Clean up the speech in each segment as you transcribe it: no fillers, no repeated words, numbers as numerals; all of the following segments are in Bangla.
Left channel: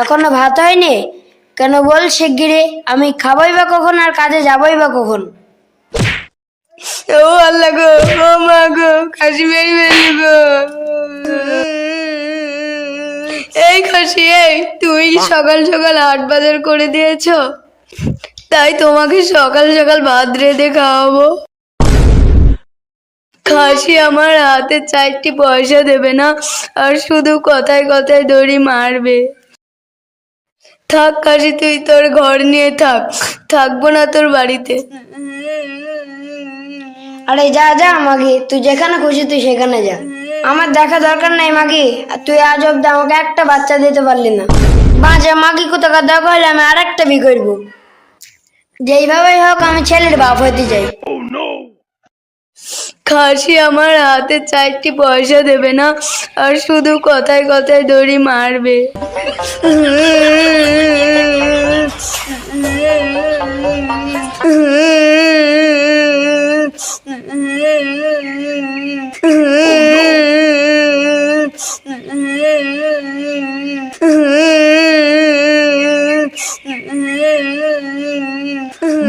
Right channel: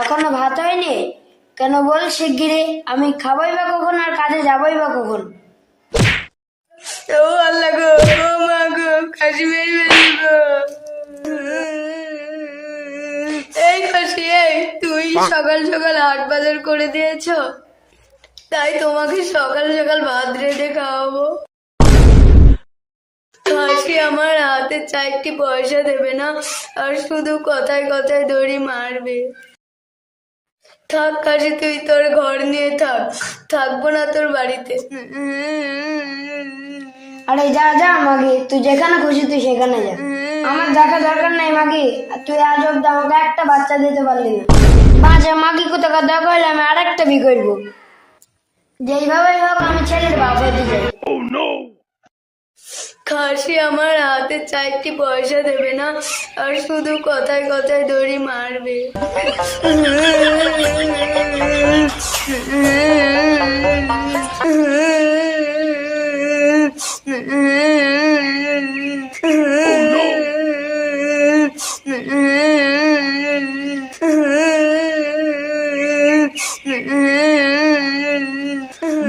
এখনো ভাত হয়নি? কেন বল শিগগিরি, আমি খাবই বা কখন আর কাজে যাবই বা কখন? ও আল্লাহ গো, ও মা গো, খাসি মেরে ফেললি গো। এই খাসি, এই তুই সকাল সকাল হাট বাজার করে দিয়েছো, তাই তোমাকে সকাল সকাল ভাত রেঁধে খাওয়াবো। খাসি আমার হাতে 4টি পয়সা দেবে না, আর শুধু কথায় কথায় দড়ি মারবে। থাক খাসি, তুই তোর ঘর নিয়ে থাক, থাকবো না তোর বাড়িতে। আরে যা যা মাগি, তুই যেখানে খুশি তুই সেখানে যা, আমার দেখা দরকার নাই মাগি। আর তুই আজ অব্দি আমাকে একটা বাচ্চা দিতে পারলি না। বাজা মাগি, কোথাকার দরকার হলে আমি আরেকটা বিয়ে করবো। যেইভাবেই হোক আমি ছেলের বাপ হতে চাই। খাসি আমার হাতে 4টি পয়সা দেবে না, আর শুধু কথায় কথায় দড়ি মারবে।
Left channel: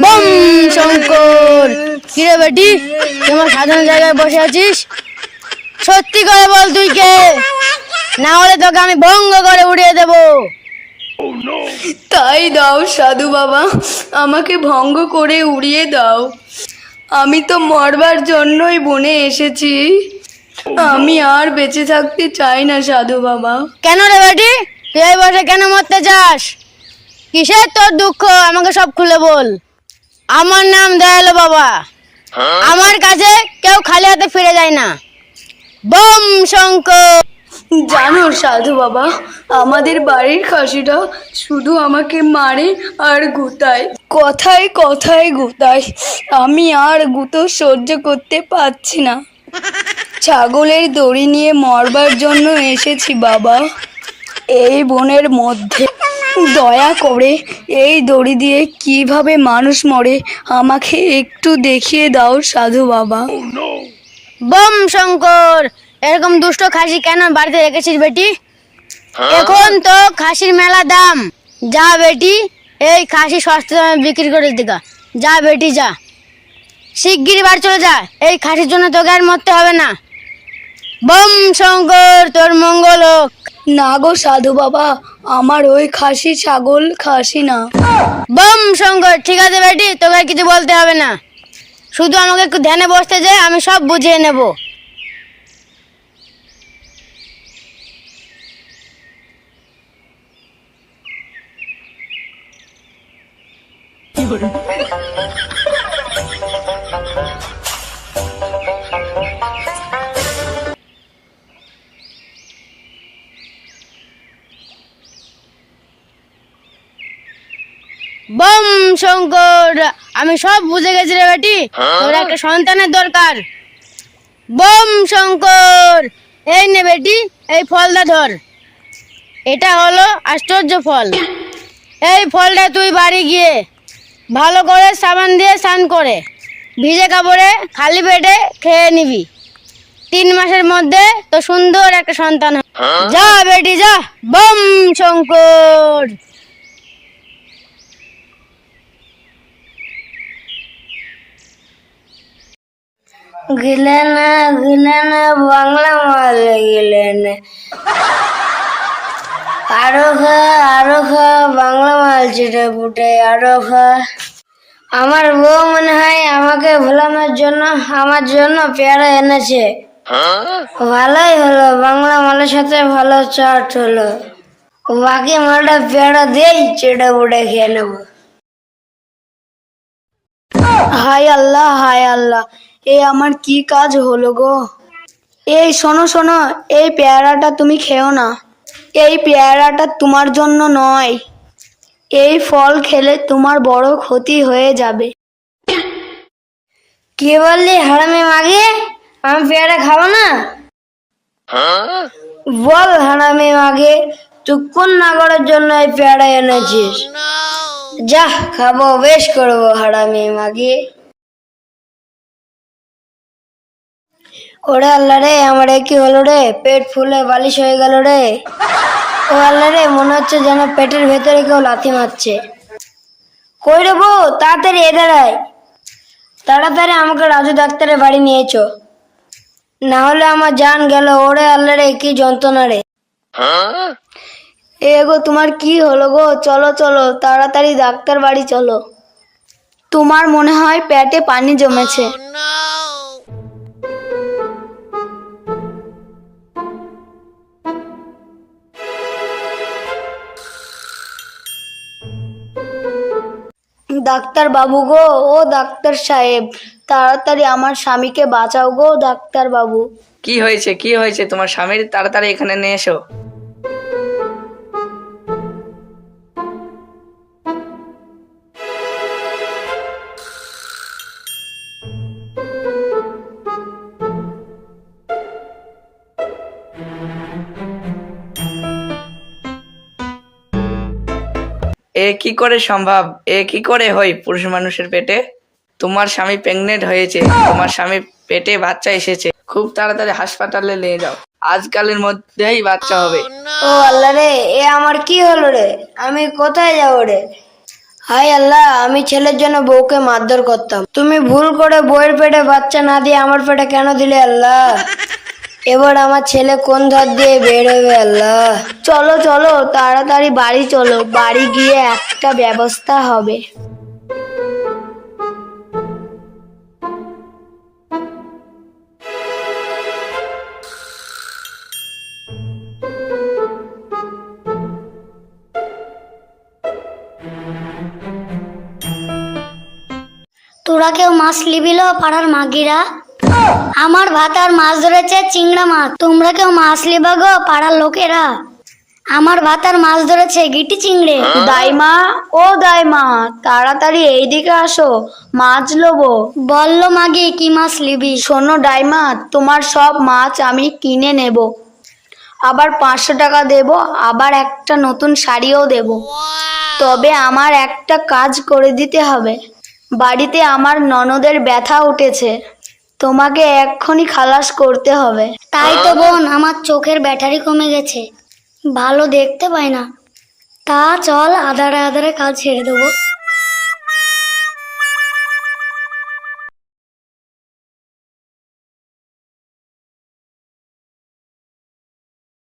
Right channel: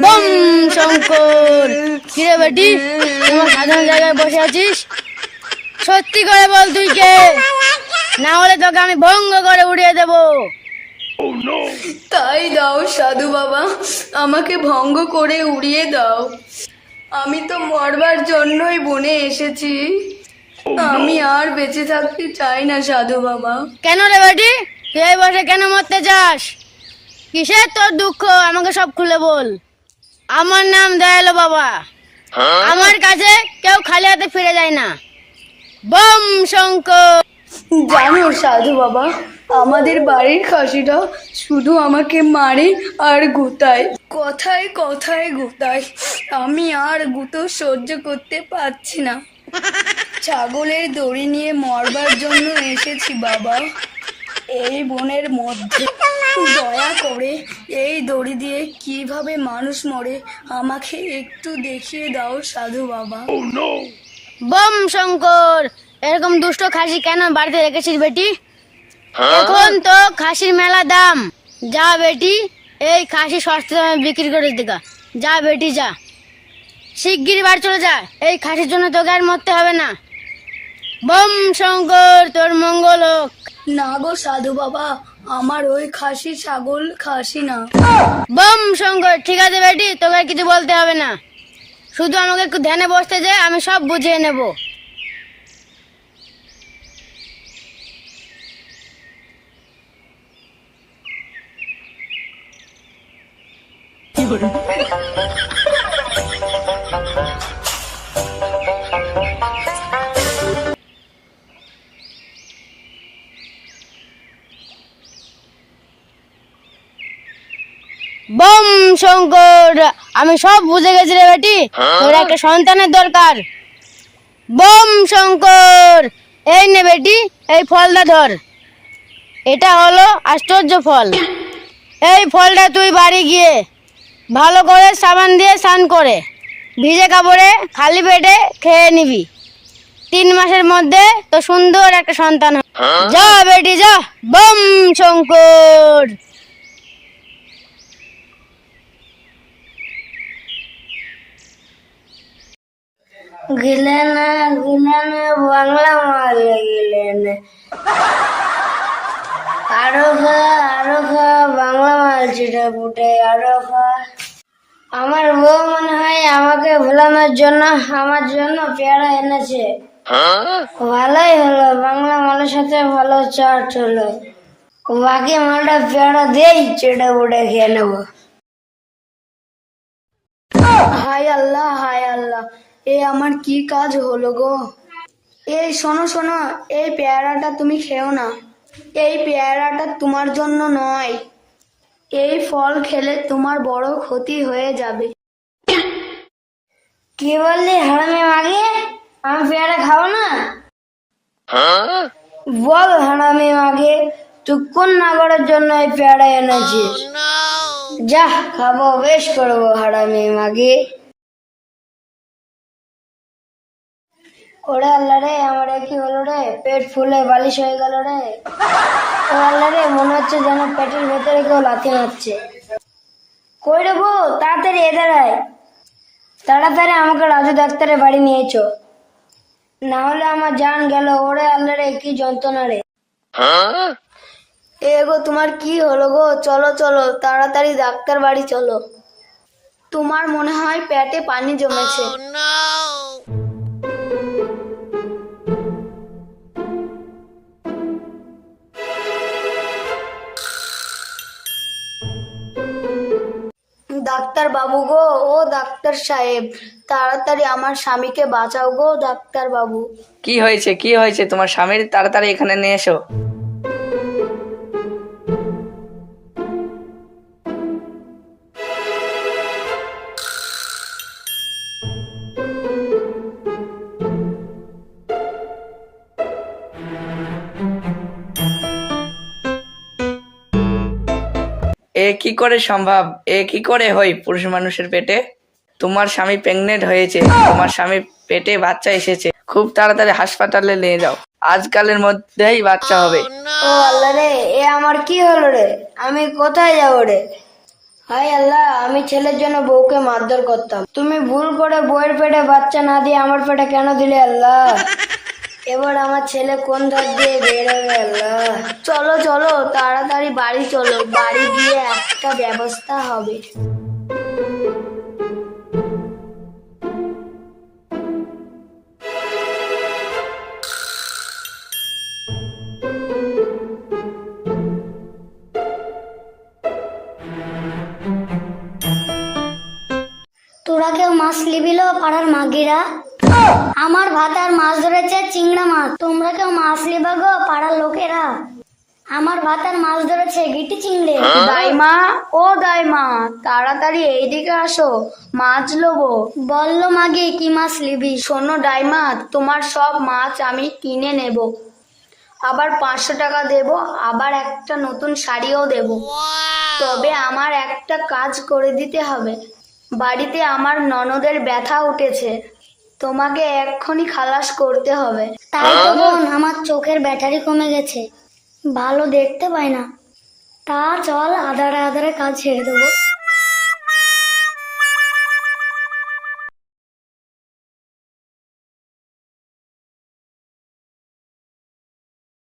বম শঙ্কর, কিরে বেটি, তোমার সাধারণ জায়গায় বসে আছিস? সত্যি করে বল তুই কে, না হলে তোকে আমি ভঙ্গ করে উড়িয়ে দেব। তাই দাও সাধু বাবা, আমাকে ভঙ্গ করে উড়িয়ে দাও। আমি তো মরবার জন্যই বনে এসেছি, আমি আর বেঁচে থাকতে চাই না সাধু বাবা। কেন রে বেটি, তুই এই বসে কেন মরতে চাস? কিসের তোর দুঃখ, আমাকে সব খুলে বল। আমার নাম দয়ালু বাবা, আমার কাছে কেউ খালি হাতে ফিরে যায় না। বম শঙ্কর। জানো সাধু বাবা, আমাদের বাড়ির খাসিটা শুধু আমাকে মারে আর গুতায়, কথায় কথায় গুতায়। আমি আর গুতো সহ্য করতে পারছি না। ছাগলের দড়ি নিয়ে মরবার জন্য এসেছি বাবা, এই বনের মধ্যে। দয়া করে এই দড়ি দিয়ে কিভাবে মানুষ মরে আমাকে একটু দেখিয়ে দাও সাধু বাবা। বম শঙ্কর, এরকম দুষ্ট খাসি কেন বাড়িতে রেখেছিস বেটি? এখন তো খাসির মেলা দাম। যা বেটি, এই খাসি সস্তা দামে বিক্রি করে দিগা। যা বেটি যা, শিগগিরই বাড়ি চলে যা, এই খাসির জন্য তোকে আর মরতে হবে না। বম শঙ্কর, তোর মঙ্গল হোক। না গো সাধু বাবা, আমার ওই খাসি ছাগল খাসি না। বম শঙ্কর, ঠিক আছে বেটি, তোকে আর কিছু বলতে হবে না, শুধু আমাকে একটু ধ্যানে বসতে যায়, আমি সব বুঝিয়ে নেব। বম শঙ্কর, আমি সব বুঝে গেছি রে বেটি, তোর একটা সন্তানের দরকার। বম শঙ্কর, এই নে বেটি, এই ফলটা ধর, এটা হলো আশ্চর্য ফল। এই ফলটা তুই বাড়ি গিয়ে ভালো করে সাবান দিয়ে স্নান করে ভিজে কাপড়ে খালি পেটে খেয়ে নিবি। 3 মাসের মধ্যে তো সুন্দর একটা সন্তান হবে। যা বেটি যা। বম শঙ্কর। গিলেন গিলেন বাংলা মাল গিলেন, আরো খা বাংলা মাল চিটে পুটে আরো খা। আমার বউ মনে হয় আমাকে ভোলানোর জন্য আমার জন্য পেয়ারা এনেছে। ভালোই হলো, বাংলা মালের সাথে ভালো চাট হলো। বাকি মালটা পেয়ারা দিয়েই চেটে পুটে খেয়ে নেবো। হায় আল্লাহ, হায় আল্লাহ, এ আমার কি কাজ হলো গো। এই শোনো শোনো, এই পেয়ারাটা তুমি খেও না, এই পেয়ারাটা তোমার জন্য নয়। এই ফল খেলে তোমার বড় ক্ষতি হয়ে যাবে। কি বললি হারামি মাগি, আমি পেয়ারা খাবো না? বল হারামি মাগি, তুই কোন নাগরের জন্য এই পেয়ারা এনেছিস? যা, খাবো, বেশ করবো হারামি মাগি। ওরে আল্লাহ রে, আমার কি হলো রে, পেট ফুলে বালিশ হয়ে গেল রে। ও আল্লাহ রে, মনে হচ্ছে যেন পেটের ভেতরে কেউ লাথি মারছে। কই রে বউ, তাড়াতাড়ি এধার আয়। তাড়াতাড়ি আমাকে রাজু ডাক্তারের বাড়ি নিয়েছো, না হলে আমার জান গেল। ওরে আল্লাহ রে, কি যন্ত্রণা রে। এ গো, তোমার কি হলো গো? চলো চলো, তাড়াতাড়ি ডাক্তার বাড়ি চলো। তোমার মনে হয় পেটে পানি জমেছে। ডাক্তার বাবু গো, ও ডাক্তার সাহেব, তাড়াতাড়ি আমার স্বামীকে বাঁচাও গো ডাক্তার বাবু। কি হয়েছে, কি হয়েছে তোমার স্বামীর? তাড়াতাড়ি এখানে নিয়ে এসো। এ কি করে সম্ভব? এ কি করে হয় পুরুষ মানুষের পেটে? তোমার স্বামী প্রেগনেন্ট হয়েছে, তোমার স্বামীর পেটে বাচ্চা এসেছে। খুব তাড়াতাড়ি হাসপাতালে নিয়ে যাও, আজকালের মধ্যেই বাচ্চা হবে। ও আল্লাহ রে, এ আমার কি হলো রে? আমি কোথায় যাবো রে? হায় আল্লাহ, আমি ছেলের জন্য বউকে মারধর করতাম, তুমি ভুল করে বউয়ের পেটে বাচ্চা না দিয়ে আমার পেটে কেন দিলে আল্লাহ? এবার আমার ছেলে কোন ধার দিয়ে বেরোবে আল্লাহ? চলো চলো, তাড়াতাড়ি বাড়ি চলো, বাড়ি গিয়ে একটা ব্যবস্থা হবে। তোরা কেউ মাছ লিবিল পাড়ার মাগিরা? আমার ভাত আর মাছ ধরেছে চিংড়া মাছ। তোমরা কেউ মাছ লিবা গো পাড়ার লোকেরা? আমার ভাত আর মাছ ধরেছে গিটি চিংড়ে। দাইমা, ও দাইমা, তাড়াতাড়ি এইদিকে আসো, মাছ লবো। বললো মাগি, কি মাছ লিবি? শোনো ডাইমা, তোমার সব মাছ আমি কিনে নেব, আবার 500 টাকা দেব, আবার একটা নতুন শাড়িও দেব। তবে আমার একটা কাজ করে দিতে হবে। বাড়িতে আমার ননদের ব্যথা উঠেছে, তোমাকে এক্ষুনি খালাস করতে হবে। তাই তো বোন, আমার চোখের ব্যাটারি কমে গেছে, ভালো দেখতে পাই না। তা চল, আধারে আধারে কাজ ছেড়ে দেবো।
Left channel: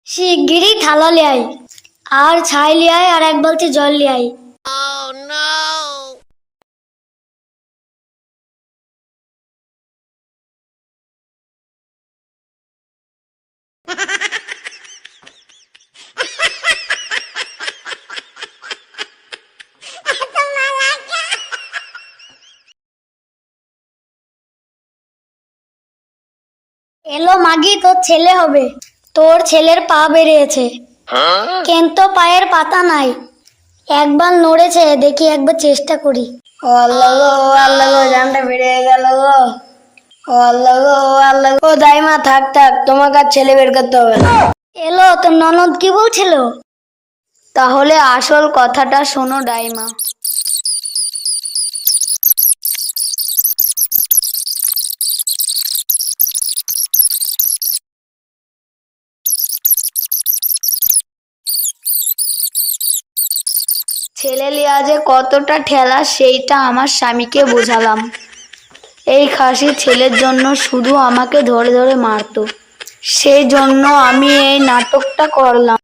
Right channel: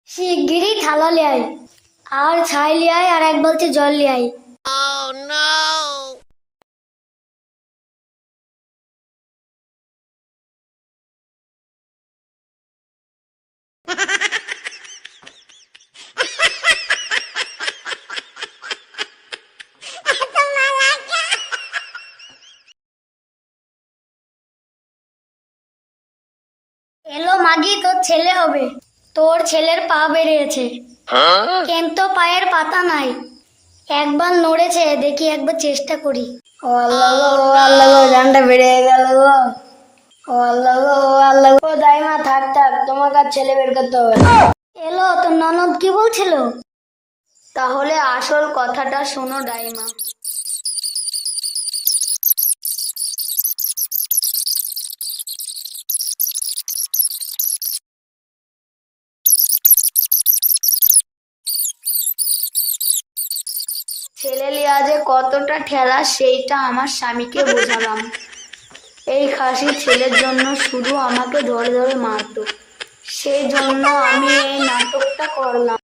শিগগিরই থালা লিয়াই, আর ছাই লিয়াই, আর এক বালতি জল লিয়াই। এলো মাগি, তোর ছেলে হবে। তোর ছেলের পা বেরিয়েছে, কিন্তু পায়ের পাতা নাই। একবার নড়েছে, দেখি একবার চেষ্টা করি। ও আল্লাহ গো, ও আল্লাহ গো, জানটা বেরিয়ে গেল গো। ও আল্লাহ গো, ও আল্লাহ গো। ও দাইমা, থাক থাক, তোমাকে আর ছেলে বের করতে হবে না। এলো, তোর ননদ কি বলছিল? তাহলে আসল কথাটা শোনো ডাইমা। ছেলে লিয়া যে কতটা ঠেলা, সেইটা আমার স্বামীকে বোঝালাম। এই খাসি ছেলের জন্য শুধু আমাকে ধরে ধরে মারতো, সেই জন্য আমি এই নাটকটা করলাম।